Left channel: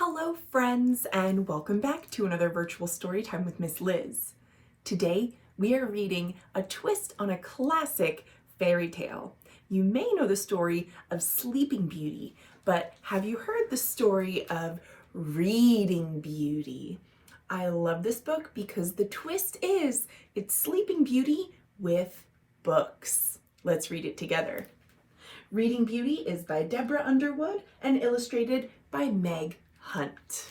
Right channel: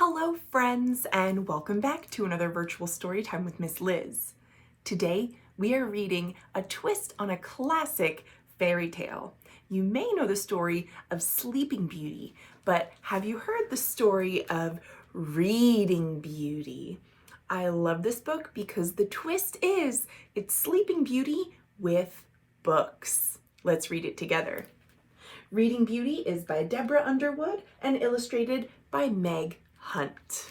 Hello friends, and welcome back to another virtual story time with Miss Liz. Today we are reading a twist on a classic fairy tale. You may know the story of Sleeping Beauty, but have you heard the story of Reading Beauty? I love this book because the twist is it's Sleeping Beauty with books. Let's read it together. Reading Beauty is by Deborah Underwood and illustrated by Meg Hunt.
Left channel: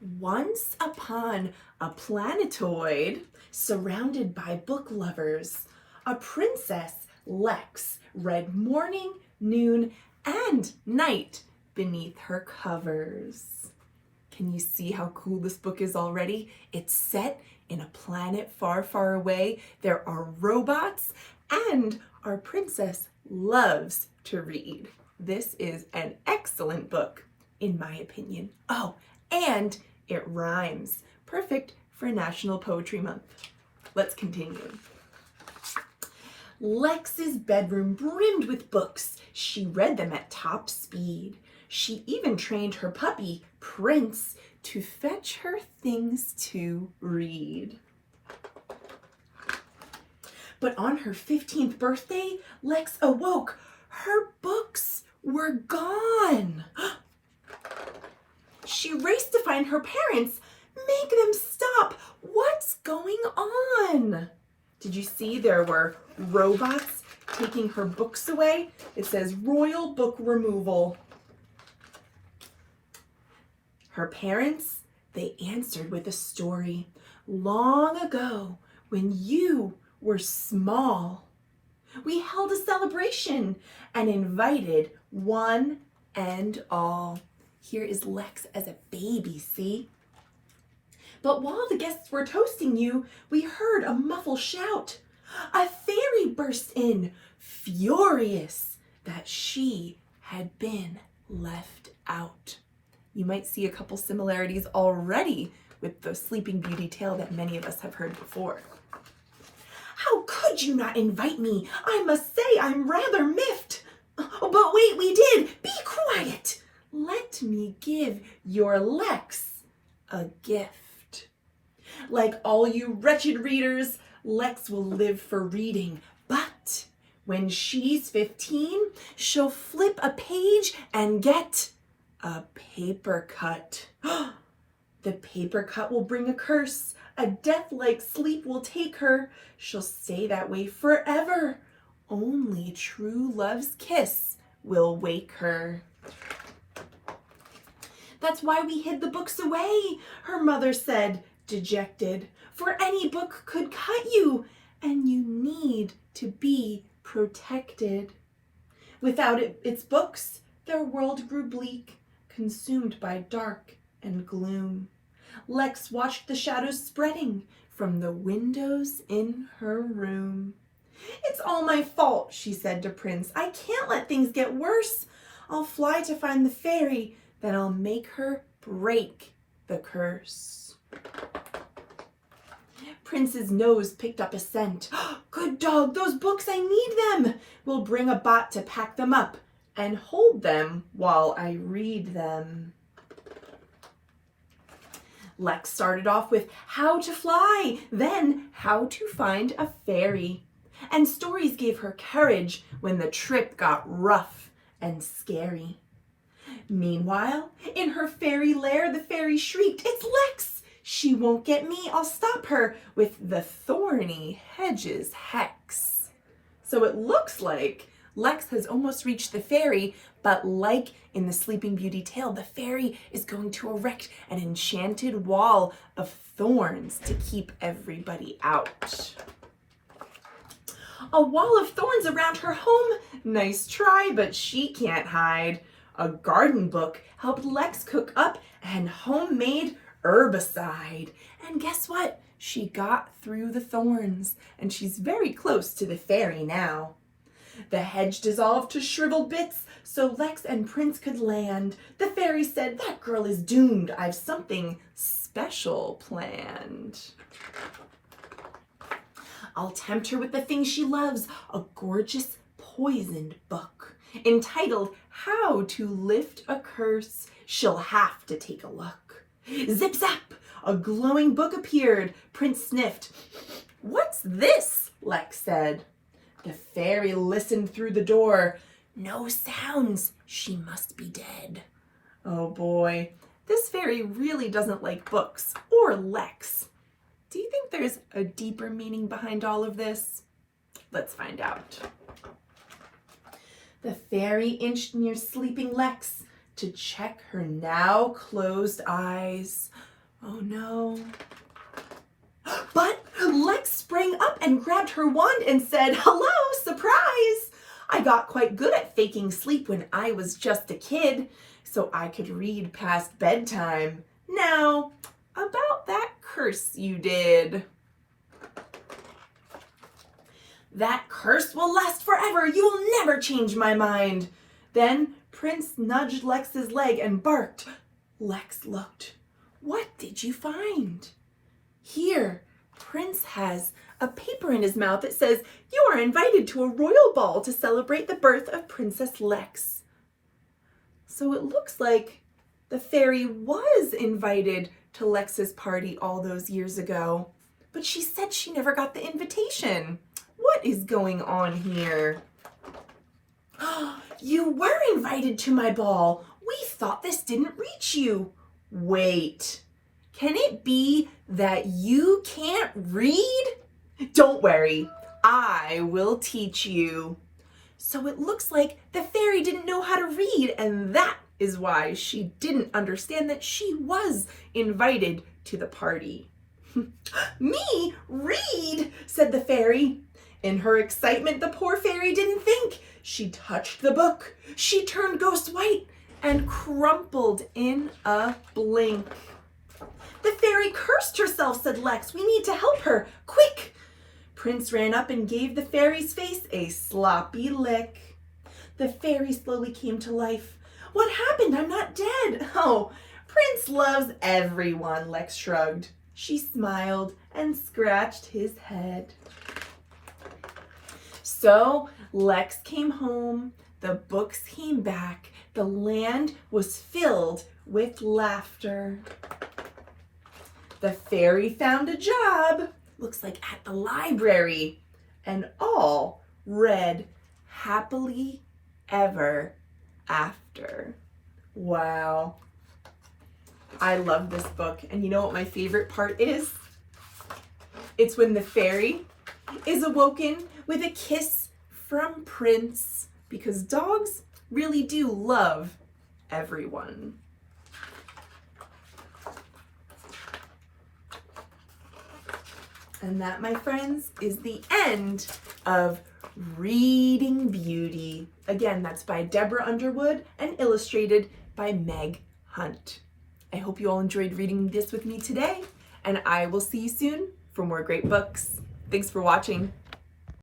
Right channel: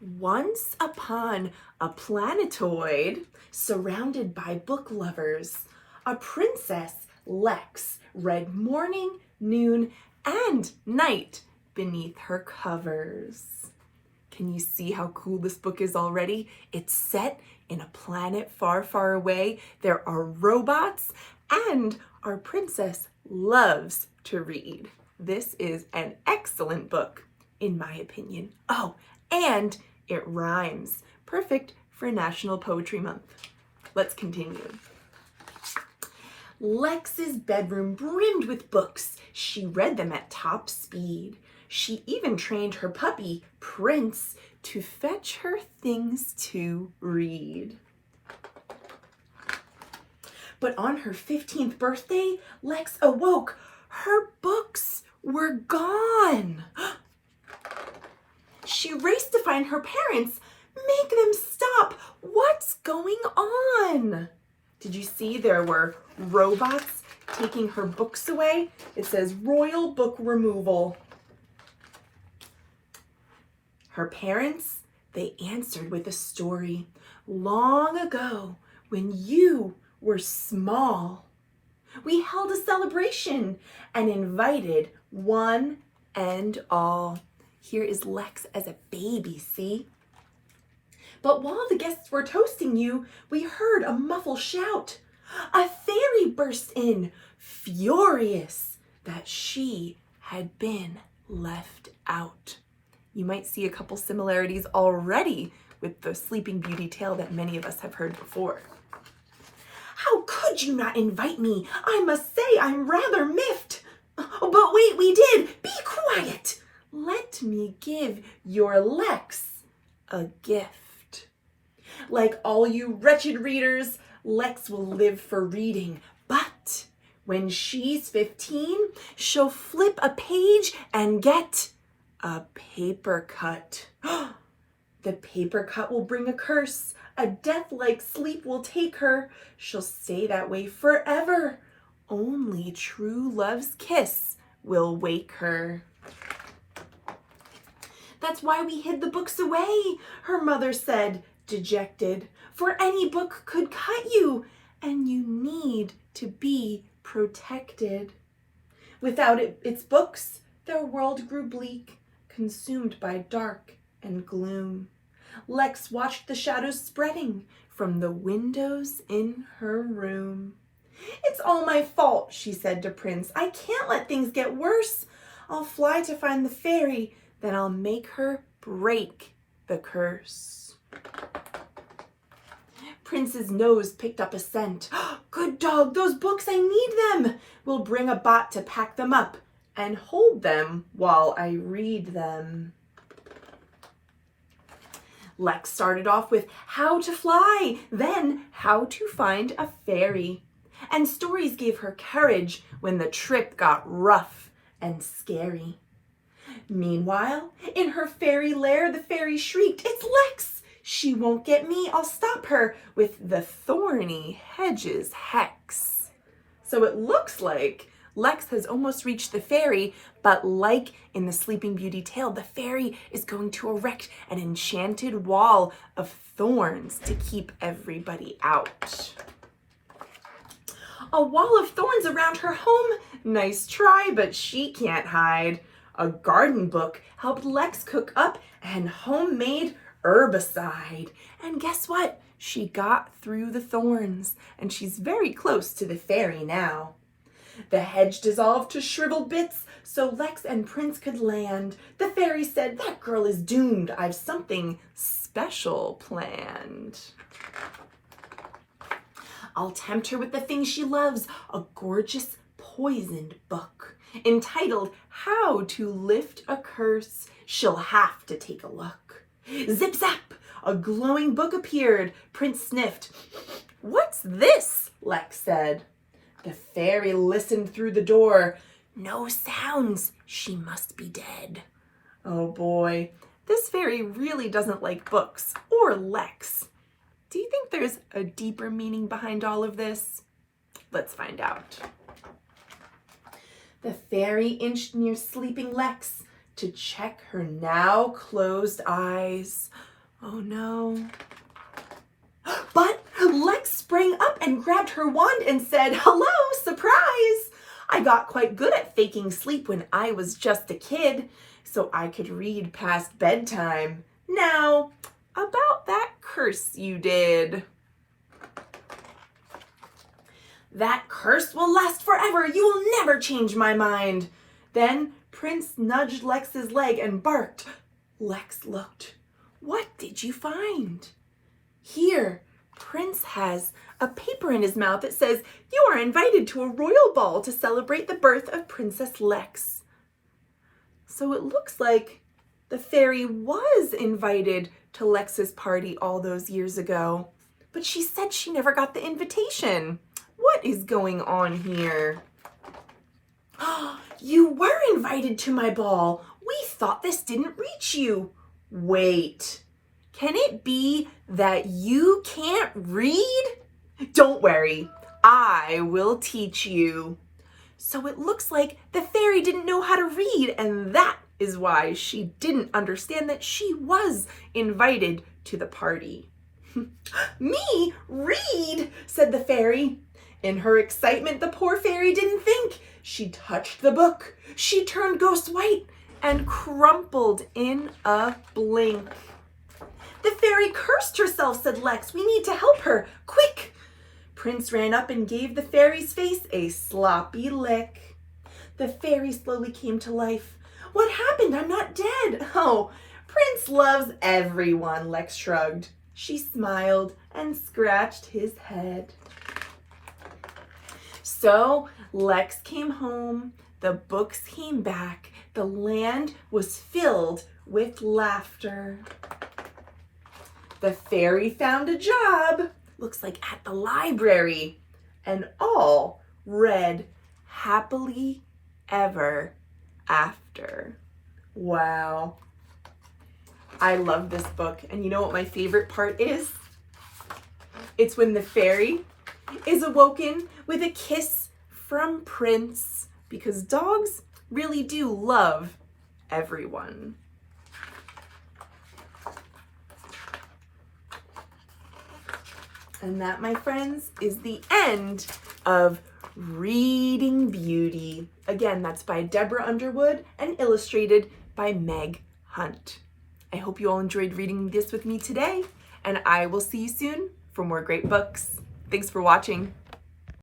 Once upon a planetoid surrounded by book lovers, a princess, Lex, read morning, noon, and night beneath her covers. Can you see how cool this book is already? It's set in a planet far, far away. There are robots, and our princess loves to read. This is an excellent book, in my opinion. Oh, and it rhymes. Perfect for National Poetry Month. Let's continue. Lex's bedroom brimmed with books. She read them at top speed. She even trained her puppy, Prince, to fetch her things to read. But on her 15th birthday, Lex awoke. Her books were gone. She raced to find her parents. Make them stop. What's going on? Did you see there were robots taking her books away? It says Royal Book Removal. Her parents, they answered with a story. Long ago, when you were small, we held a celebration and invited one and all. Here is Lex as a baby, see? But while the guests were toasting you, we heard a muffled shout. A fairy burst in, furious that she had been left out. You might see a couple similarities already with the Sleeping Beauty tale that many of us have heard before. How could you not invite me? I must say I'm rather miffed. Oh, but wait, we did. Be quiet. Let me give your Lex a gift. Like all you wretched readers, Lex will live for reading, but when she's 15, she'll flip a page and get a paper cut. The paper cut will bring a curse. A death-like sleep will take her. She'll stay that way forever. Only true love's kiss will wake her. That's why we hid the books away, her mother said, dejected. For any book could cut you, and you need to be protected. Without its books, their world grew bleak, consumed by dark and gloom. Lex watched the shadows spreading from the windows in her room. It's all my fault, she said to Prince. I can't let things get worse. I'll fly to find the fairy, then I'll make her break the curse. Prince's nose picked up a scent. Good dog, those books, I need them. We'll bring a bot to pack them up and hold them while I read them. Lex started off with how to fly, then how to find a fairy. And stories gave her courage when the trip got rough and scary. Meanwhile, in her fairy lair, the fairy shrieked, it's Lex! She won't get me, I'll stop her with the thorny hedges hex. So it looks like Lex has almost reached the fairy, but like in the Sleeping Beauty tale, the fairy is going to erect an enchanted wall of thorns to keep everybody out. A wall of thorns around her home? Nice try, but she can't hide. A garden book helped Lex cook up an homemade herbicide. And guess what? She got through the thorns, and she's very close to the fairy now. The hedge dissolved to shriveled bits so Lex and Prince could land. The fairy said, that girl is doomed. I've something special planned. I'll tempt her with the things she loves, a gorgeous poisoned book entitled How to Lift a Curse. She'll have to take a look. Zip zap, a glowing book appeared. Prince sniffed. What's this? Lex said. The fairy listened through the door. No sounds. She must be dead. Oh boy, this fairy really doesn't like books or Lex. Do you think there's a deeper meaning behind all of this? Let's find out. The fairy inched near sleeping Lex to check her now closed eyes. Oh no. But Lex sprang up and grabbed her wand and said, hello, surprise! I got quite good at faking sleep when I was just a kid, so I could read past bedtime. Now, about that curse you did. That curse will last forever. You will never change my mind. Then Prince nudged Lex's leg and barked. Lex looked. What did you find? Here, Prince has a paper in his mouth that says, you are invited to a royal ball to celebrate the birth of Princess Lex. So it looks like the fairy was invited to Lex's party all those years ago, but she said she never got the invitation. What is going on here? You were invited to my ball. We thought this didn't reach you. Wait, can it be that you can't read? Don't worry, I will teach you. So it looks like the fairy didn't know how to read, and that is why she didn't understand that she was invited to the party. Me read, said the fairy. In her excitement, the poor fairy didn't think. She touched the book. She turned ghost white and crumpled in a blink. The fairy cursed herself, said Lex. We need to help her. Quick! Prince ran up and gave the fairy's face a sloppy lick. The fairy slowly came to life. What happened? I'm not dead. Oh, Prince loves everyone, Lex shrugged. She smiled and scratched his head. So Lex came home, the books came back, the land was filled with laughter. The fairy found a job, looks like at the library, and all read happily ever after. Wow. I love this book, and you know what my favorite part is? It's when the fairy is awoken with a kiss from Prince, because dogs really do love everyone. And that, my friends, is the end of Reading Beauty. Again, that's by Deborah Underwood and illustrated by Meg Hunt. I hope you all enjoyed reading this with me today, and I will see you soon for more great books. Thanks for watching.